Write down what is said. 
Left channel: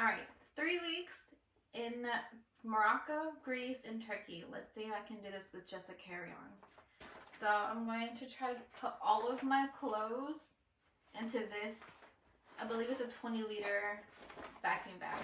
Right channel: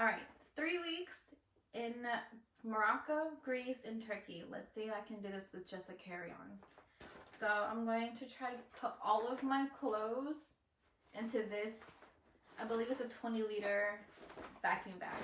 All right, 3 weeks in Morocco, Greece, and Turkey. Let's see if I can do this with just a carry-on. So I'm going to try to put all of my clothes into this, I believe it's a 20-liter vacuum bag.